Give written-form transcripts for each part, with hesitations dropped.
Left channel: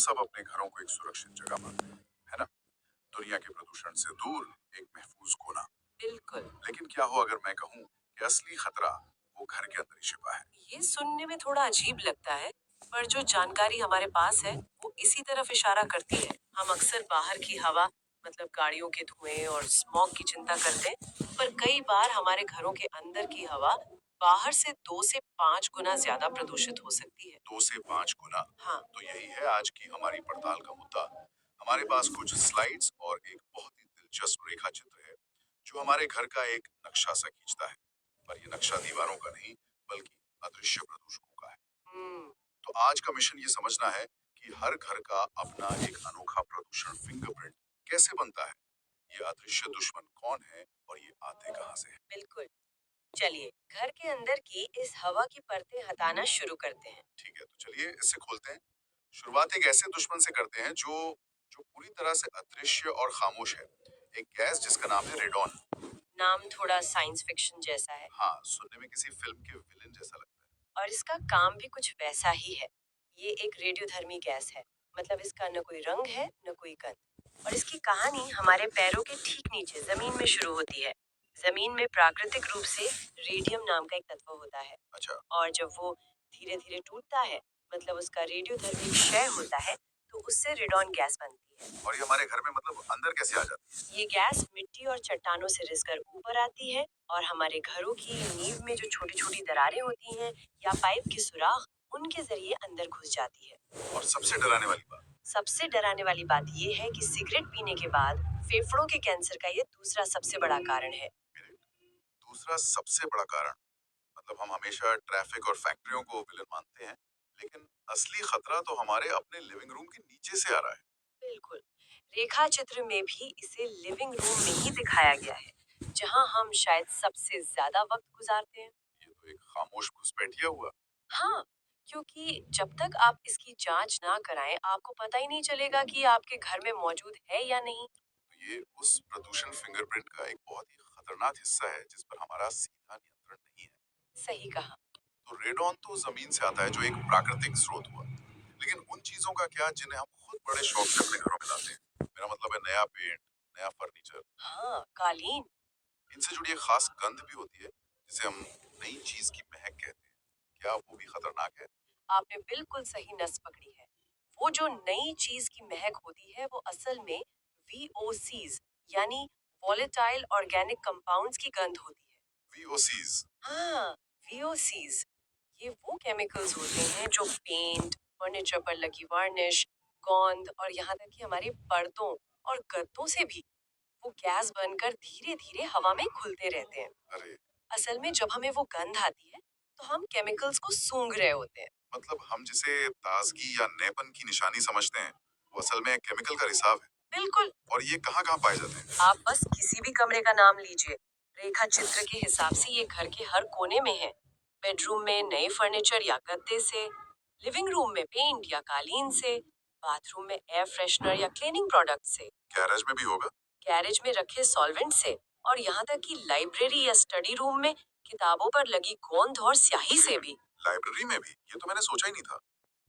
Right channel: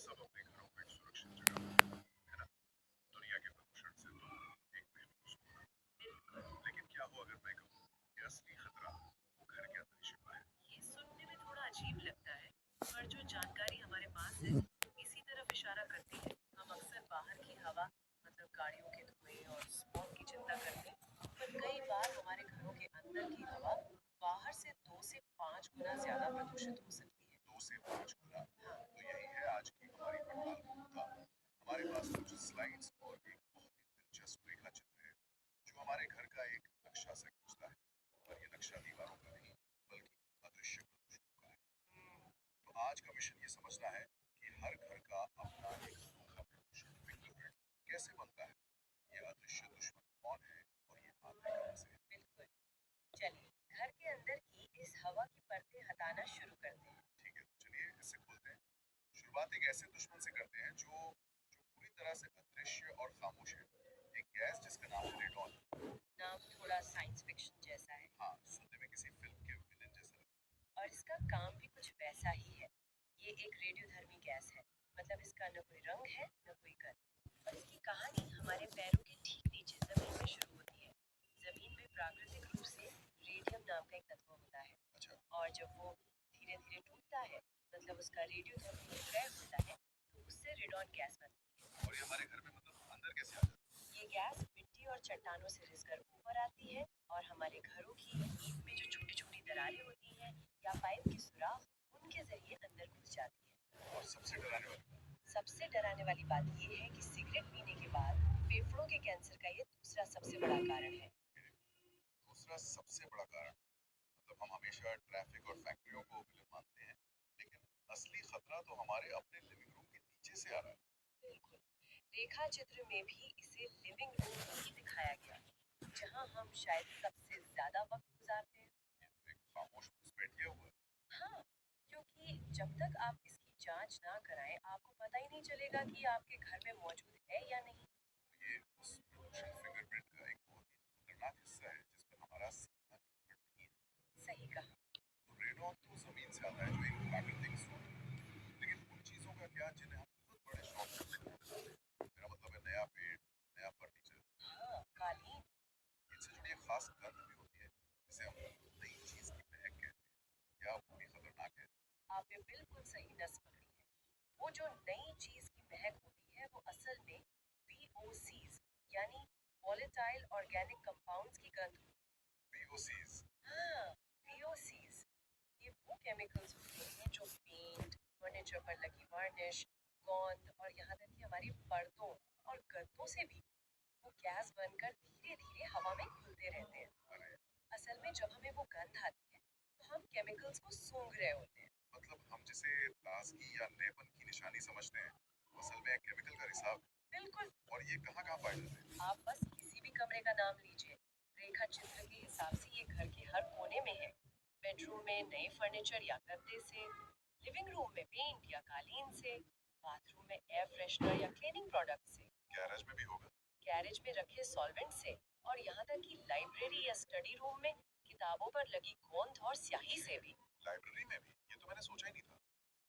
सब अपने घरों को एक सुरक्षित जगह मानते हैं, है ना? दुनिया के प्रदूषण से दूर एक महफूज कोना। बिल्कुल। लेकिन क्या हो अगर मैं कहूँ कि असली खतरा वो घर के अंदर ही छिपा है? ये सुनने में थोड़ा अजीब लगता है, पर जो जानकारी हमारे पास है वो इसी तरफ इशारा करती है। हम अक्सर बाहर की हवा, मतलब गाड़ियों के धुएं और स्मॉग की चिंता करते हैं, पर कई बार हमारे घरों के अंदर की हवा बाहर से 2 से 5 गुना ज्यादा प्रदूषित हो सकती है। 2 से 5 गुना। हाँ। तो यही है आज की हमारी पड़ताल का मुद्दा। हमारे पास कुछ स्लाइड्स और एक बहुत ही दिलचस्प रेखा चित्र है जो हमारे घर का एक नक्शा सा खींचता है। पर ये नक्शा दीवारों का नहीं बल्कि अदृश्य प्रदूषकों का है। हम्म। तो आज का मिशन ये समझना है कि हर घर का अपना एक अनोखा प्रदूषण फिंगरप्रिंट कैसे बनता है। ये अदृश्य दुश्मन कौन है और ये आते कहाँ से हैं? बिल्कुल। चलिए घर के अंदर की इस हवा की परतें हटाना शुरू करते हैं। ठीक है, तो चलिए इससे खोलते हैं। शुरुआत एक ऐसे दुश्मन से करते हैं जो जो पूरी तरह से अदृश्य और खामोश है। एक गैस जिसका नाम है रेडॉन। नाम थोड़ा साइंस फिक्शन जैसा है। हाँ, सुनने में किसी फिल्म के विलेन जैसा लगता है। और इसका काम भी कुछ वैसा ही है। ये एक रेडियोधर्मी गैस है, मतलब इसका न कोई रंग है न कोई गंध। और इसकी कहानी हमारे पैरों के ठीक नीचे जमीन में शुरू होती है। जमीन में प्राकृतिक रूप से रेडियम नाम का एक तत्व होता है। अच्छा। और जब वो धीरे धीरे टूटता है, मतलब उसका रेडियोधर्मी क्षय होता है, तो उससे रेडॉन गैस बनती है। और ये हमारे घर में मतलब अंदर कैसे आ जाती है? ये गैस मिट्टी और चट्टानों से रिसकर ऊपर आती है और हमारे घरों की नींव में जो छोटी छोटी दरारें होती हैं या पाइप के सुराख, उनके जरिए अंदर घुस जाती है। और सबसे डराने वाली बात, सबसे डराने वाली बात ये है कि सिगरेट पीने के बाद फेफड़ों के कैंसर का ये दूसरा सबसे बड़ा कारण है। दूसरा सबसे बड़ा कारण, मतलब हम हमेशा ट्रैफिक और फैक्ट्रियों को विलन मानते हैं, लेकिन असली खतरा तो हमारे अपने लिविंग रूम के नीचे से आ रहा है। बिल्कुल। रेखा चित्र में भी इसे लिविंग रूम में ही दिखाया गया है, जहां हम शायद सबसे ज्यादा वक्त गुजारते हैं। ये तो एक खामोश घुसपैठिया हुआ। हाँ, क्योंकि जब तक आप इसकी जांच ना कराएं, आपको पता ही नहीं चलेगा कि आपके घर में मौजूद है या नहीं। तो ये उस प्रदूषण फिंगरप्रिंट का एक बहुत ही खतरनाक हिस्सा है जिस पर हमारा सीधा नियंत्रण नहीं है। सही कहा। तो रेडॉन तो जमीन से आता है जो एक प्राकृतिक स्रोत हुआ, लेकिन उन चीजों का क्या जिन्हें हम खुद बड़े शौक से अपने घरों में लाते हैं? मेरा मतलब है नया पेंट, नया फर्नीचर। हाँ, कालीन। इनसे जुड़ी एक खास गंध भी होती है जिसे हम नई चीज की महक कहते हैं। क्या वो भी खतरनाक है? आपने बिल्कुल सही नस पकड़ी है। वो जो नई चीज की महक होती है, वो असल में VOCs यानी वॉलेटाइल ऑर्गेनिक कंपाउंड्स की गंध होती है। वीओसीज। हाँ, VOCs ये वो केमिकल्स होते हैं जो पेंट, फर्नीचर पर लगी वार्निश, गोंद और यहाँ तक कि हमारे पर्दों और गद्दों से भी वो गैस बनकर धीरे धीरे हवा में घुलते रहते हैं। अरे, असल में जब हमें वो गंध आती है, तो हम केमिकल्स को सूंघ रहे होते हैं। मतलब हम जिसे ताजगी या नएपन की निशानी समझते हैं वो असल में केमिकल का रिसाव है। बिल्कुल। और ये कहाँ कहाँ पाए जाते हैं? आप बस किसी भी कमरे का नाम लीजिए, रेखा चित्र के हिसाब से ये घर के हर कोने में है। बेडरूम में नए फर्नीचर या गद्दे से, लिविंग रूम में पेंट या कालीन से, बाथरूम में एयर फ्रेशनर या क्लीनिंग प्रोडक्ट से, गैरेज में भी होगा? गैरेज में रखे सॉल्वेंट से, और यहाँ तक कि लाइब्रेरी या स्टडी रूम में किताबों पर लगी गोंद और स्याही से भी। लाइब्रेरी में भी? ये तो मैंने सोचा ही नहीं था।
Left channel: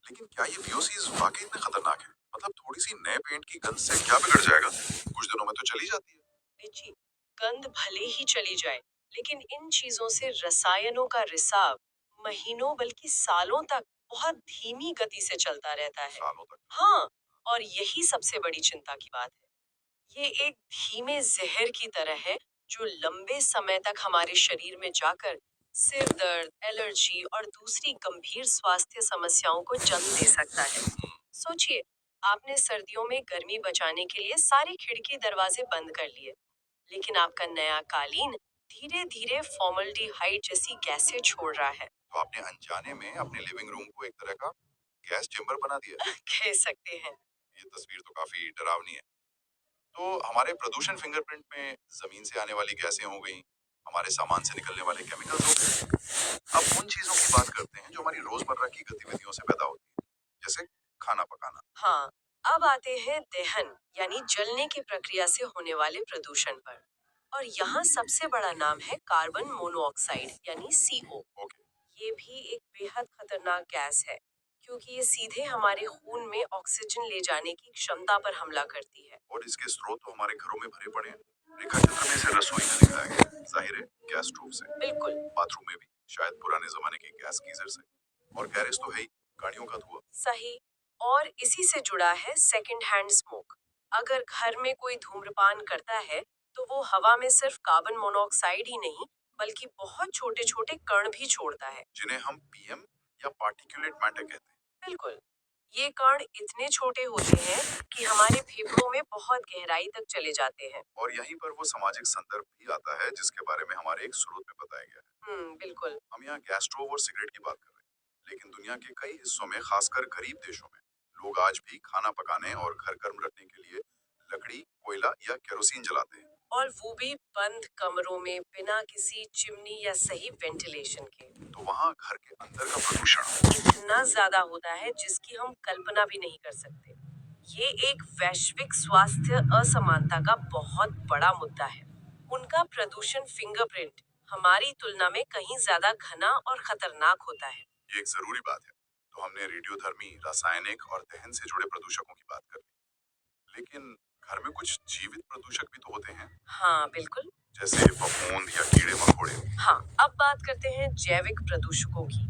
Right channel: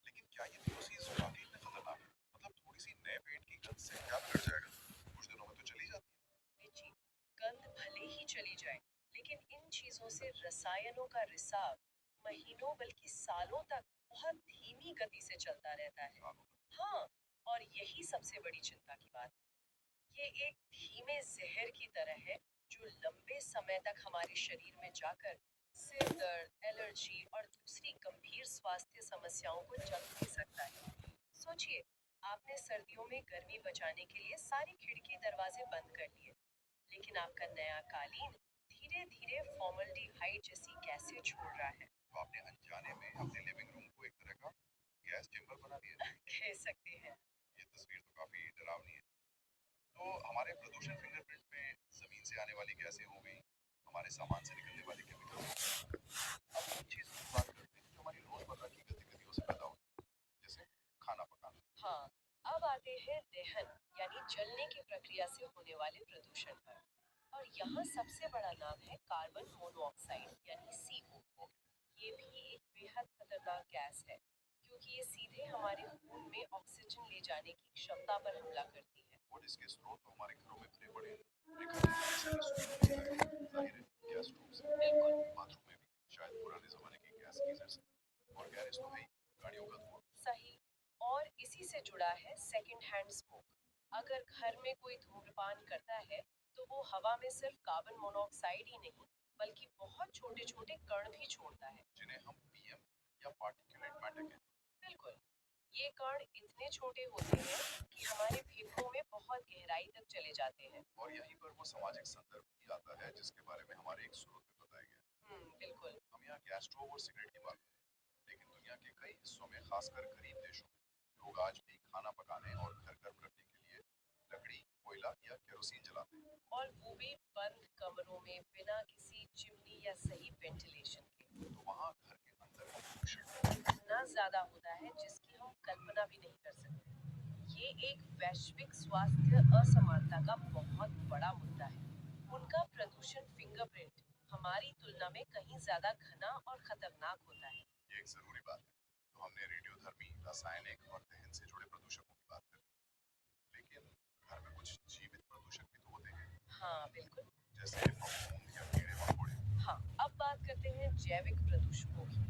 लेकिन क्या ये वीओसीज वाकई इतने खतरनाक है? मतलब थोड़ी सी नए पेंट की गंध से क्या बिगड़ जाएगा? कुछ दिनों में तो चली जाती है। लीची, गंध भले ही चली जाए, लेकिन इन चीजों से रसायनों का रिसाव महीनों बल्कि सालों तक बहुत धीमी गति से चलता रहता है। सालों तक? हाँ, और यही सबसे बड़ी चिंता की बात है। ये एक धीमे जहर की तरह है जो लंबे समय तक हमारे शरीर में जाकर सिर दर्द, एलर्जी और दूसरी गंभीर स्वास्थ्य समस्याओं को जन्म दे सकता है। सोचिए, आपने सर्दियों में गर्मी बचाने के लिए सारे खिड़की दरवाजे बंद कर लिए, लेकिन आपका नया कालीन धीरे धीरे फॉर्मल्डिहाइड जैसी गैसें छोड़ रहा है। तो आपने अनजाने में अपने लिविंग रूम को एक तरह का गैस चेम्बर बना दिया। कह सकते हैं। ये तस्वीर तो काफी डरावनी है। तो हमारे प्रदूषण फिंगरप्रिंट में जमीन से आने वाली गैसें हो गई, हमारे सामान से निकलने वाले केमिकल्स हो गए। अब उन चीजों की बात करते हैं जो हमारी रोजमर्रा की गतिविधियों से पैदा होती है, जैसे खाना पकाना। हाँ, अब आते हैं दहन यानी जलने की प्रक्रिया से होने वाले प्रदूषण पर। और यहाँ सबसे बड़ा नाम है कार्बन मोनोऑक्साइड यानी CO। ओके। ये भी एक बेहद खतरनाक गैस है, क्योंकि ये सीधे हमारे खून में ऑक्सीजन ले जाने की क्षमता पर हमला करती है। और इसके स्रोत तो हमारे घरों में भरे पड़े हैं। रेखा चित्र में इसे रसोई में दिखाया गया है, जाहिर है गैस स्टोव से। बिल्कुल बाथरूम में भी शायद पुराने जमाने के गैस गीजर से। और गैरेज तो है ही, गाड़ियों का धुआं। सही। और इसी से जुड़ा है सेकंड हैंड स्मोक। अगर घर में कोई धूम्रपान करता है तो वो हवा में सिर्फ कार्बन मोनोऑक्साइड ही नहीं बल्कि बहुत छोटे छोटे कण भी छोड़ता है। जिन्हें हम पीएम या पार्टिकुलेट मैटर कहते हैं। बिल्कुल। ये कण इतने छोटे होते हैं कि हमारे फेफड़ों में बहुत गहराई तक चले जाते हैं। और यहीं पर वो सामाजिक संदर्भ भी आता है जिसके बारे में हमारे एक स्रोत में बताया गया है। बिल्कुल। हम यहाँ गैस स्टोव और सिगरेट की बात कर रहे हैं, लेकिन दुनिया के कई हिस्सों में, खासकर गरीब देशों में, लोग आज भी खाना पकाने और घर गर्म रखने के लिए लकड़ी, कोयला या केरोसिन जलाते हैं। और वो भी बंद कमरों में बिना किसी चिमनी या सही वेंटिलेशन के। तो वहाँ घर के अंदर का प्रदूषण इतना ज्यादा होता है जिसकी हम कल्पना भी नहीं कर सकते। ये एक वैश्विक स्वास्थ्य असमानता का बहुत बड़ा मुद्दा है। उनका प्रदूषण फिंगरप्रिंट हमारी तुलना में कहीं ज्यादा घना और खतरनाक होता है। ये एक जरूरी बात है। तो हमने रेडियोधर्मी, रासायनिक और दहन से जुड़े प्रदूषकों की बात कर ली, लेकिन घर में कुछ जीवित प्रदूषक भी तो होते हैं, हाँ बिल्कुल। जैसे फफूंद या कीड़े मकोड़े। हाँ, अब बात करते हैं जैविक प्रदूषकों की।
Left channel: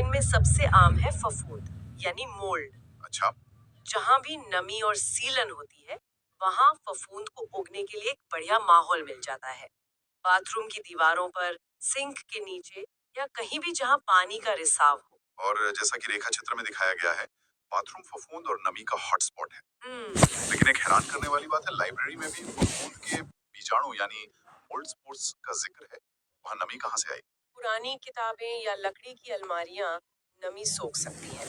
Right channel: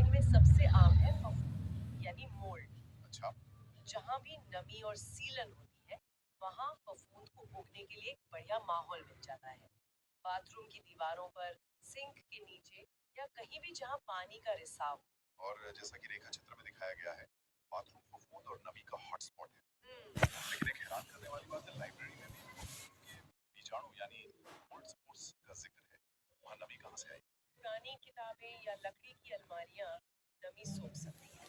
इनमें सबसे आम है फफूंद यानी मोल्ड। अच्छा। जहाँ भी नमी और सीलन होती है, वहाँ फफूंद को उगने के लिए एक बढ़िया माहौल मिल जाता है। बाथरूम की दीवारों पर, सिंक के नीचे या कहीं भी जहाँ पानी का रिसाव हो। और जैसा कि रेखा चित्र में दिखाया गया है, बाथरूम फफूंद और नमी का हॉटस्पॉट है। हम्म लेकिन एक हैरान करने वाली बात है, लाइब्रेरी में भी फफूंद के बीजाणु यानी मोल्ड स्पोर्स का जिक्र है। वहाँ नमी कहाँ से आई? पुरानी किताबें या लकड़ी की अलमारियाँ नमी सोख सकती हैं।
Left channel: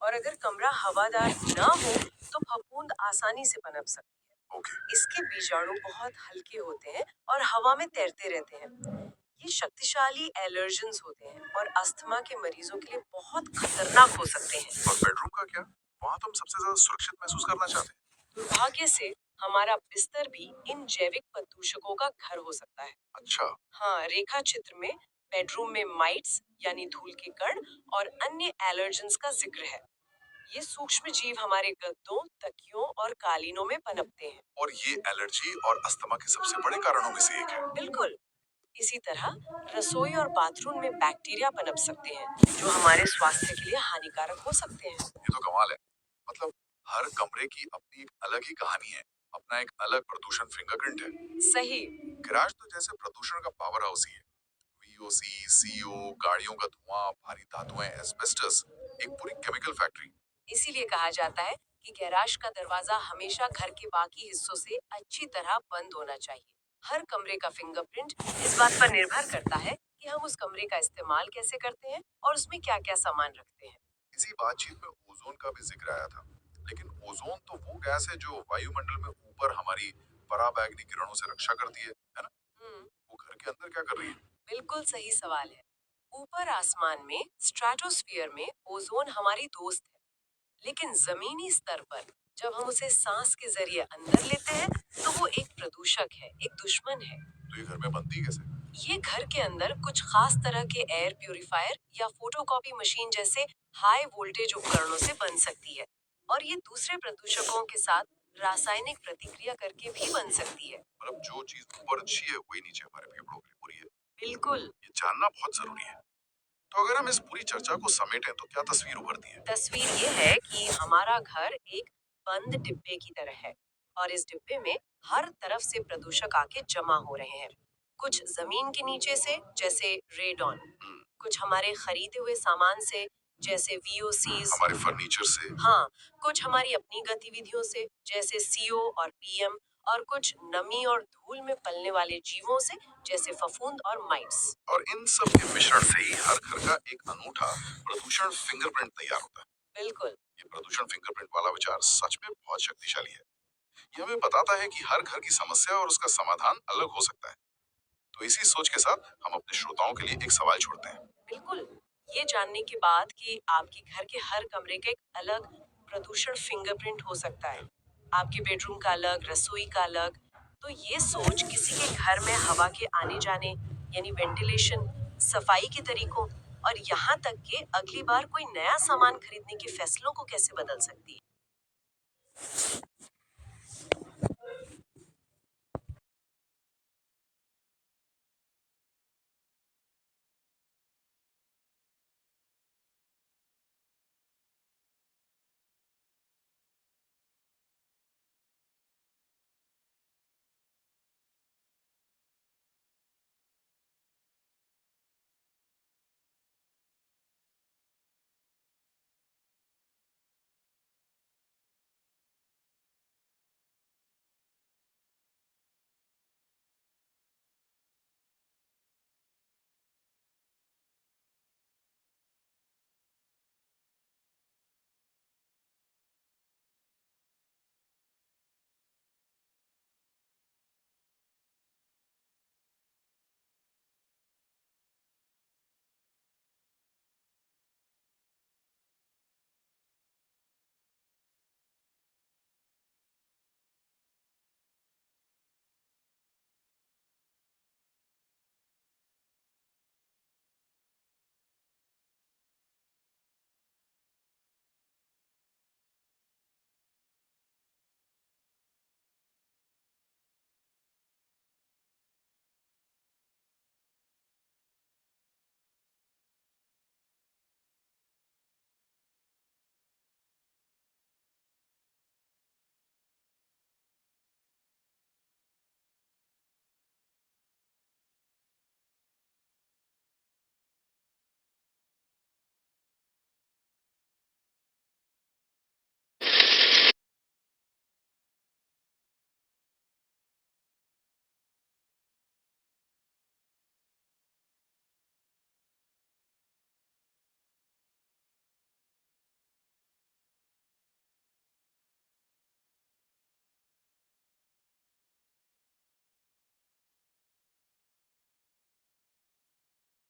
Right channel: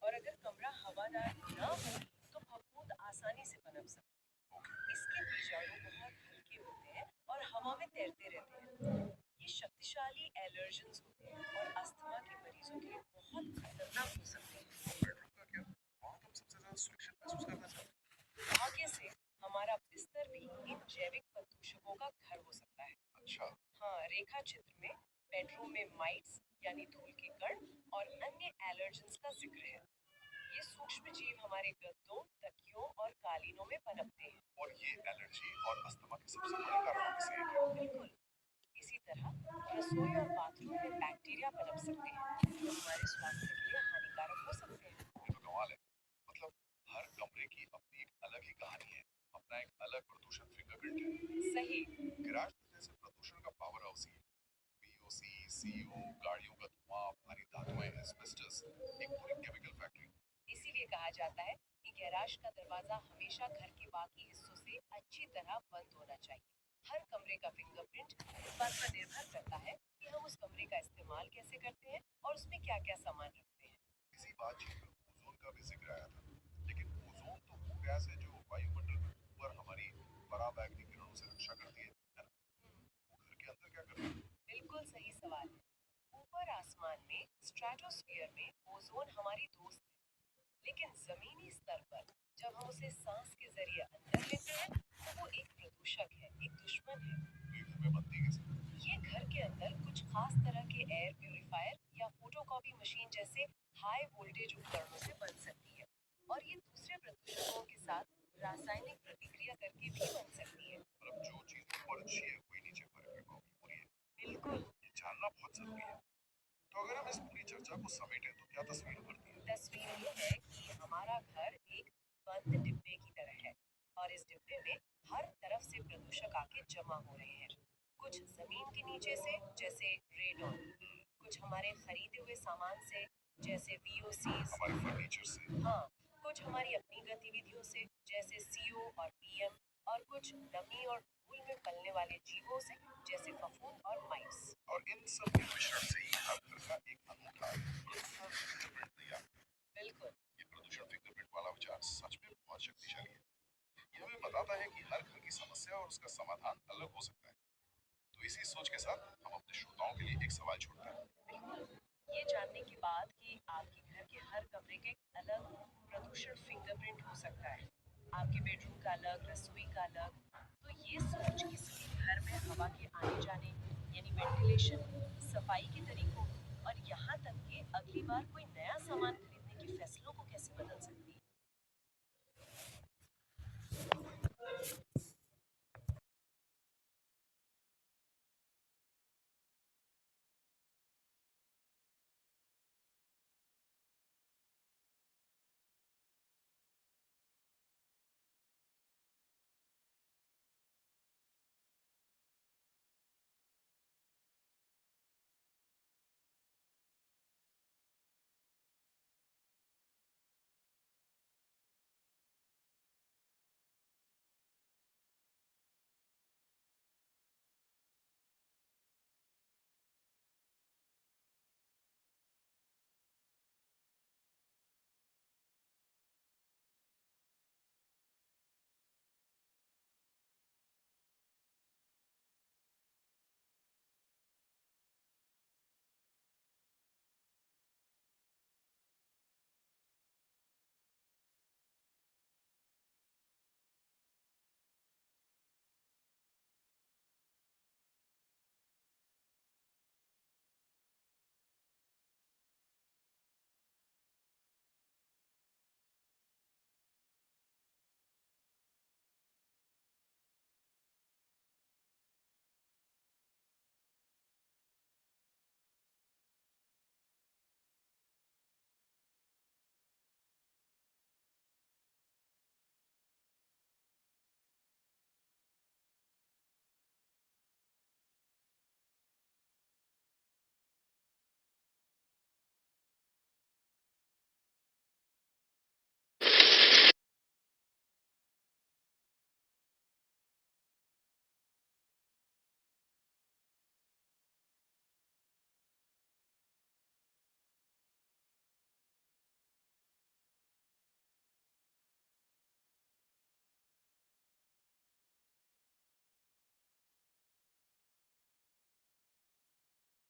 और अगर कमरा हवादार न हो तो फफूंद आसानी से पनप सकती है। ओके। इसके बीजाणु बहुत हल्के होते हैं और हवा में तैरते रहते हैं। ये शक्तिशाली एलर्जेंस होते हैं और अस्थमा के मरीजों के लिए बहुत खतरनाक हो सकते हैं। और बेडरूम का क्या? वहाँ तो हम सबसे ज्यादा सुरक्षित महसूस करना चाहते हैं। दुर्भाग्य से हमारा बिस्तर भी इन जैविक प्रदूषकों का घर हो सकता है। अच्छा। हाँ, रेखा चित्र में बेडरूम में माइट्स यानी धूल के कण और अन्य एलर्जेंस का जिक्र है। ये सूक्ष्म जीव हमारे गद्दों, तकियों और कालीनों में पनपते हैं। और ये एलर्जी और अस्थमा के सबसे बड़े कारणों में से एक है। बिल्कुल। इसी तरह रसोई और बाथरूम में बैक्टीरिया पनप सकते हैं जो हमारे स्वास्थ्य के लिए हानिकारक हो सकते हैं। ये तो कमाल है। मतलब हर कमरे की अपनी एक अलग ही कहानी है, अपना एक अलग प्रदूषण फिंगरप्रिंट है। सही। गैराज तो जैसे प्रदूषण का पावर हाउस ही है। वीओसी, सीओ, गाड़ियों का धुआं, भारी धातुएं, एस्बेस्टस, एक पूरी केमिकल फैक्ट्री। इसीलिए कहा जाता है कि गैराज का दरवाजा हमेशा घर के बाकी हिस्सों से अच्छी तरह बंद होना चाहिए। हर कमरे का फिंगरप्रिंट इस बात पर निर्भर करता है कि हम उस कमरे का इस्तेमाल कैसे करते हैं और उसमें क्या क्या सामान रखते हैं। इसी बातचीत में ओजोन का भी जिक्र आया था। लेकिन ओजोन तो वो गैस है जो वायुमंडल में ऊपर हमारी पराबैंगनी किरणों से रक्षा करती है ना? हम्म वो घर के अंदर क्या कर रही है? बिल्कुल सही सवाल है। ऊपर आसमान में स्ट्रेटोस्फियर में ओजोन हमारी दोस्त है। लेकिन जमीनी स्तर पर जब हम उसे सांस के जरिए अंदर लेते हैं तो वो एक प्रदूषक है, एक दुश्मन है। तो ये घर में बनती कैसे? ये घर के अंदर कुछ खास तरह के एयर प्यूरिफायर या फोटोकॉपी मशीन जैसे हाई वोल्टेज उपकरणों से बन सकती है। और ये दूसरे प्रदूषकों के साथ रासायनिक प्रतिक्रिया करके भी बन सकती है। मतलब जो चीज ऊपर अच्छी है वही नीचे हमारे फेफड़ों के लिए बुरी है। बिल्कुल। ये जानना बहुत जरूरी है। तो अगर हम इस पूरी चर्चा को समेटें तो क्या तस्वीर उभरती है? तस्वीर ये है कि हमारा घर एक बंद डिब्बे की तरह है और इस डिब्बे में हर तरफ से प्रदूषक आके जमा हो रहे हैं। कुछ जमीन के नीचे से जैसे रेडॉन, कुछ हमारे खरीदे हुए सामान से जैसे वीओसीज, हमारे फर्नीचर से। हाँ, कुछ हमारी अपनी गतिविधियों से जैसे सीओ और पीएम, और कुछ नमी और धूल में पलने वाले जीवों से जैसे फफूंद और माइट्स। और इन सब के मिश्रण से ही हर घर का एक अनूठा प्रदूषण फिंगरप्रिंट तैयार होता है। बिल्कुल। ये प्रदूषण फिंगरप्रिंट वाला विचार सच में बहुत शक्तिशाली है। ये हमें बताता है कि हर घर की समस्या और उसका समाधान अलग हो सकता है। तो इसी सोच के साथ हम अपने श्रोताओं के लिए एक सवाल छोड़ते हैं। बिल्कुल। ये जानने के बाद कि आपके घर के हर कमरे का एक अलग प्रदूषण फिंगरप्रिंट हो सकता है, आपके बेडरूम का अलग, रसोई का अलग, तो ये सोच किसी के घर में हवा के आने जाने यानी वेंटिलेशन, सफाई के तरीकों और यहाँ तक कि अगली बार कोई नया सामान खरीदने के फैसलों को कैसे बदल सकती है।